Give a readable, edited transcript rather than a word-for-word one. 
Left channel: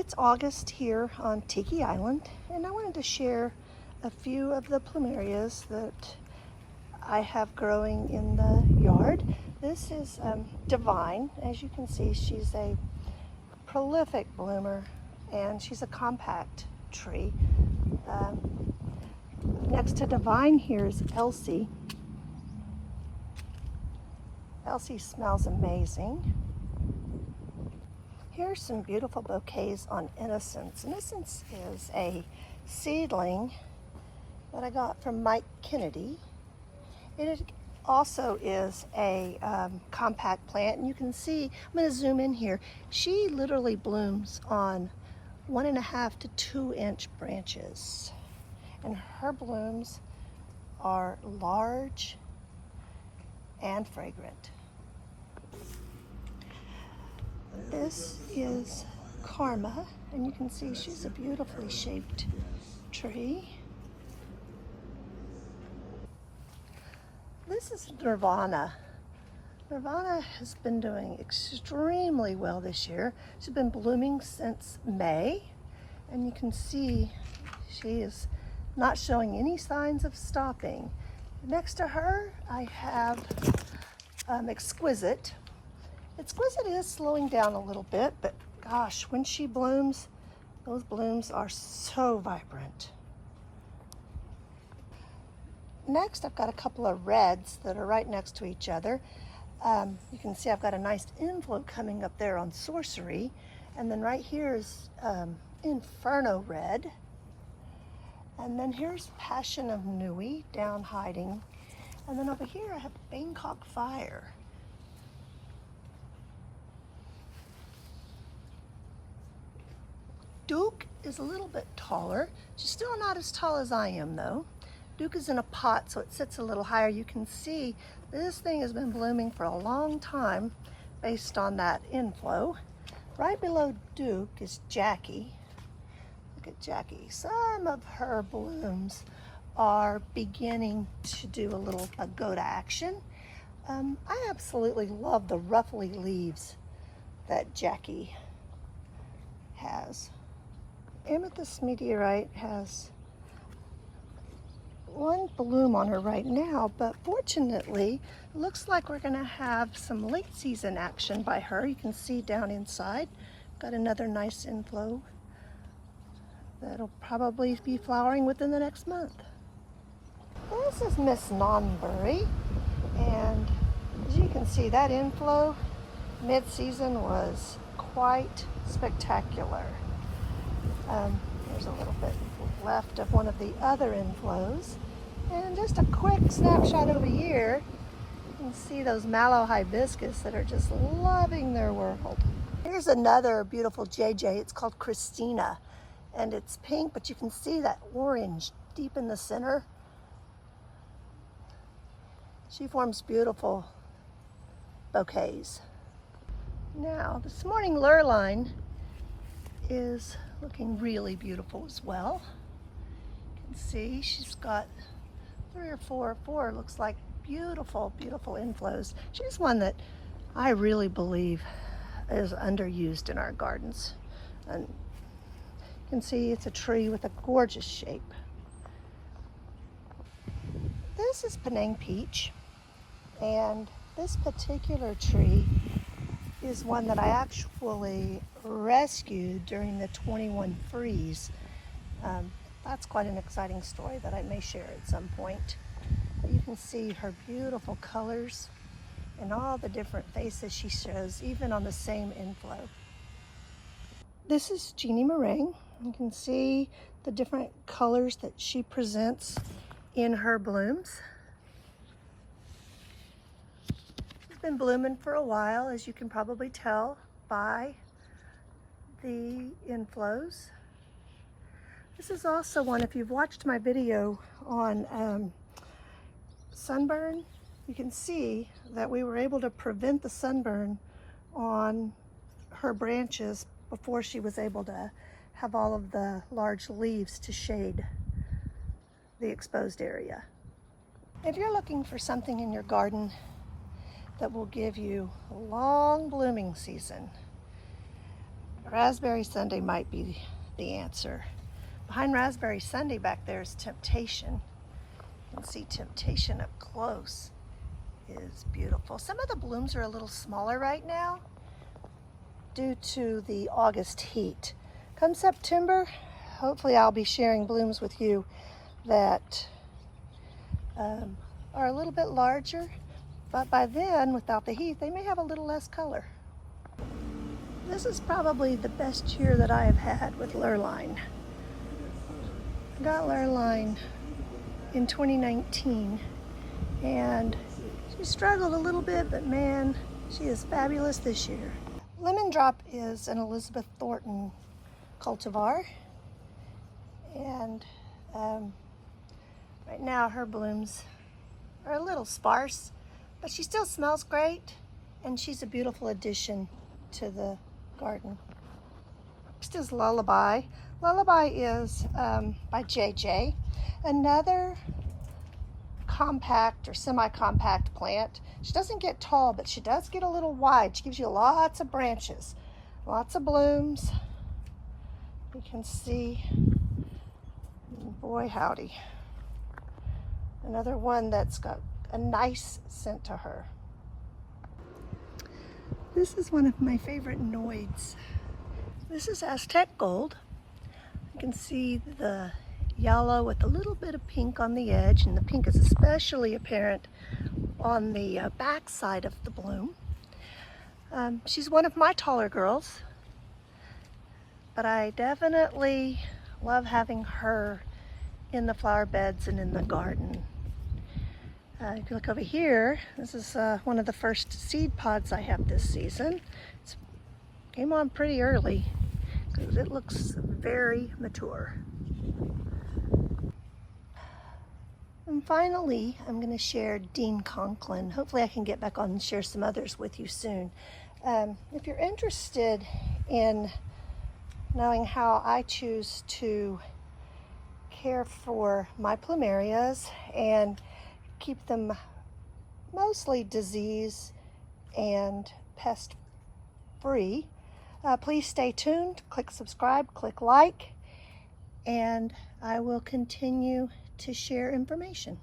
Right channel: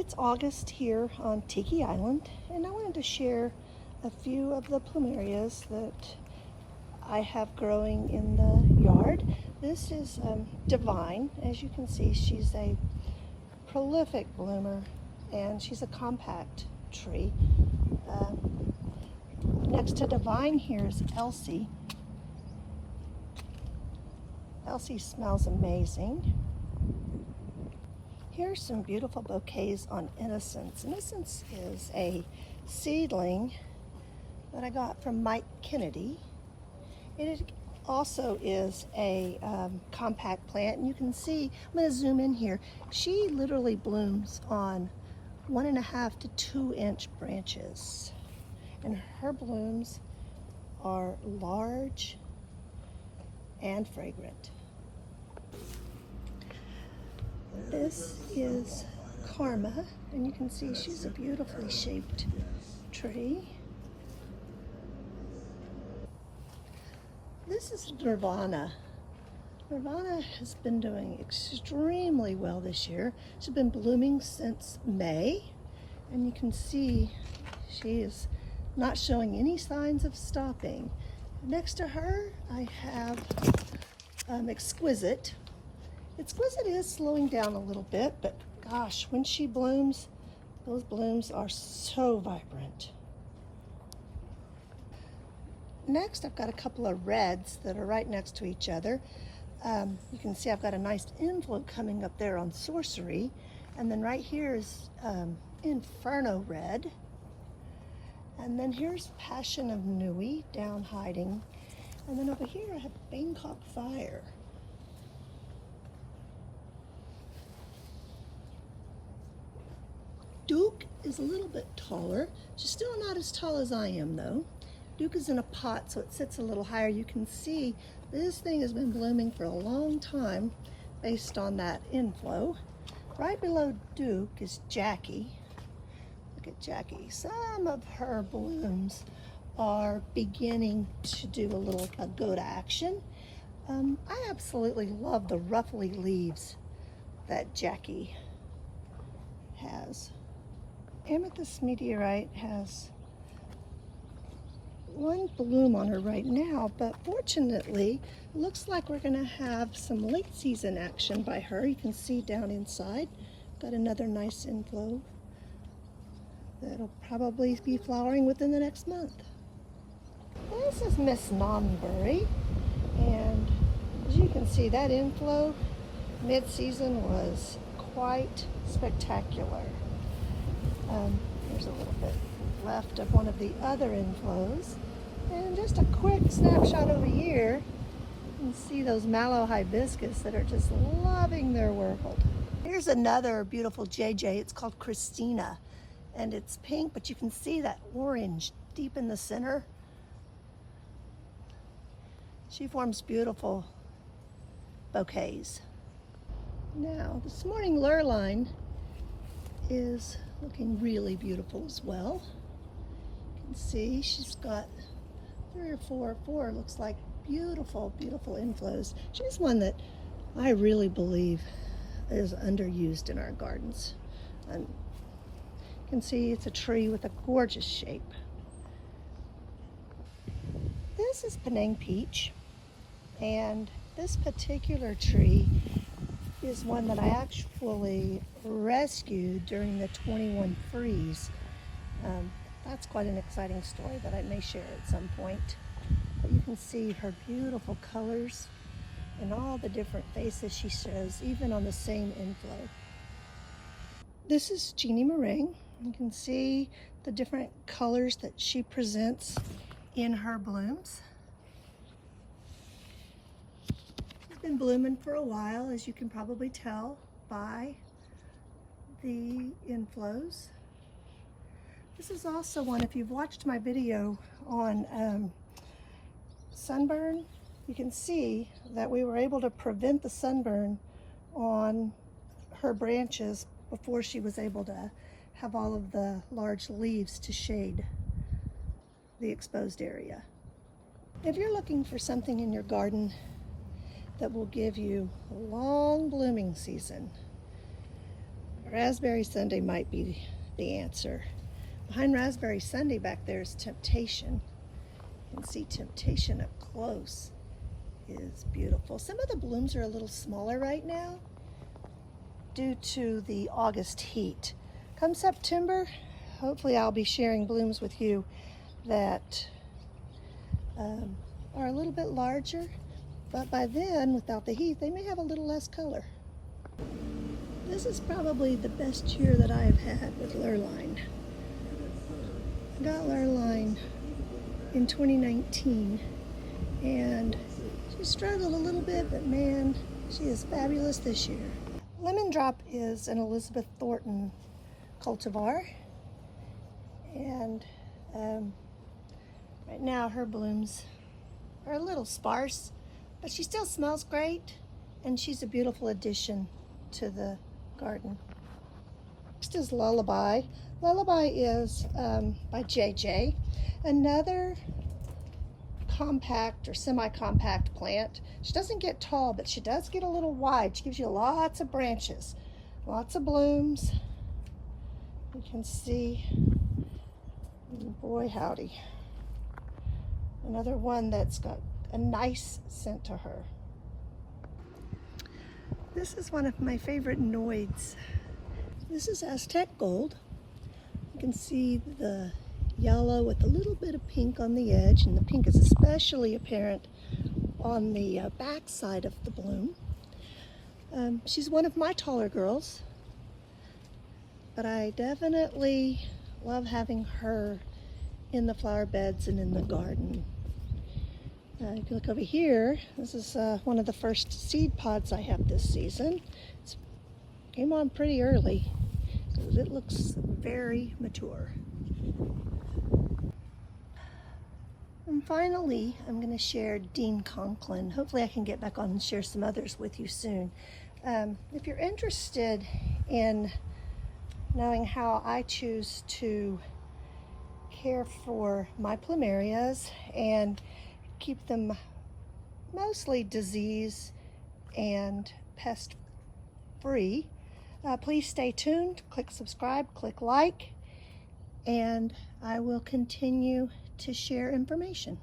It's August here on Tiki Island, and I wanted to share a few of the plumerias that I have growing in the yard. This is Divine. As you can see, she's a prolific bloomer, and she's a compact tree. Next to Divine here is Elsie. Elsie smells amazing. Here's some beautiful bouquets on Innocence. Innocence is a seedling that I got from Mike Kennedy. It also is a compact plant, and you can see, I'm going to zoom in here, she literally blooms on 1.5 to 2 inch branches, and her blooms are large and fragrant. This is Karma, and you can see she's a beautifully shaped tree. This is Nirvana. Nirvana has been doing extremely well this year. She's been blooming since May, and you can see she is not showing any signs of stopping. Next to her, I have Exquisite. Exquisite is slowing down a little bit, but gosh, when she blooms, those blooms are so vibrant. Next, I've got a couple of reds that are right next to each other. You can see I've got a nice inflow coming up there on Sorcery, and then right here is Inferno Red. And then here's Passion of Nui down hiding. And then over here I have Bangkok Fire. Duke is a little bit taller. She's still not as tall as I am though. Duke is in a pot, so it sits a little higher. You can see this thing has been blooming for a long time based on that inflow. Right below Duke is Jackie. Look at Jackie. Some of her blooms are beginning to do go to action. I absolutely love the ruffly leaves that Jackie has. Amethyst Meteorite has one bloom on her right now, but fortunately, it looks like we're going to have some late season action by her. You can see down inside, got another nice inflow that'll probably be flowering within the next month. This is Miss Nonbury, and as you can see, that inflow mid-season was quite spectacular. There's a little bit left of one of the other inflows. And just a quick snapshot over here, you can see those mallow hibiscus that are just loving their world. Here's another beautiful JJ. It's called Christina, and it's pink, but you can see that orange deep in the center. She forms beautiful bouquets. Now, this morning Lurline is looking really beautiful as well. You can see she's got 3 or 4 looks like beautiful inflows. She's one that I really believe is underused in our gardens. And you can see it's a tree with a gorgeous shape. This is Penang Peach, and this particular tree is one that I actually rescued during the 21 freeze. That's quite an exciting story that I may share at some point. But you can see her beautiful colors and all the different faces she shows, even on the same inflow. This is Jeannie Meringue. You can see the different colors that she presents in her blooms. She's been blooming for a while, as you can probably tell by the inflows. This is also one, if you've watched my video on sunburn, you can see that we were able to prevent the sunburn on her branches before she was able to have all of the large leaves to shade the exposed area. If you're looking for something in your garden that will give you a long blooming season, Raspberry Sunday might be the answer. Behind Raspberry Sunday back there is Temptation. You can see Temptation up close. Is beautiful. Some of the blooms are a little smaller right now due to the August heat. Come September, hopefully I'll be sharing blooms with you that are a little bit larger, but by then, without the heat, they may have a little less color. This is probably the best year that I have had with Lurline. I got Lurline in 2019, and she struggled a little bit, but man, she is fabulous this year. Lemon Drop is an Elizabeth Thornton cultivar, and right now her blooms are a little sparse, but she still smells great, and she's a beautiful addition to the garden. Next is Lullaby. Lullaby is by JJ, another compact or semi-compact plant. She doesn't get tall, but she does get a little wide. She gives you lots of branches, lots of blooms. You can see, boy howdy, another one that's got a nice scent to her. This is one of my favorite Noids. This is Aztec Gold. You can see the yellow with a little bit of pink on the edge, and the pink is especially apparent on the back side of the bloom. She's one of my taller girls, but I definitely love having her in the flower beds and in the garden. If you look over here, this is one of the first seed pods I have this season. It came on pretty early because it looks very mature. And finally, I'm going to share Dean Conklin. Hopefully I can get back on and share some others with you soon. If you're interested in knowing how I choose to care for my plumerias and keep them mostly disease and pest free, please stay tuned, click subscribe, click like, and I will continue to share information.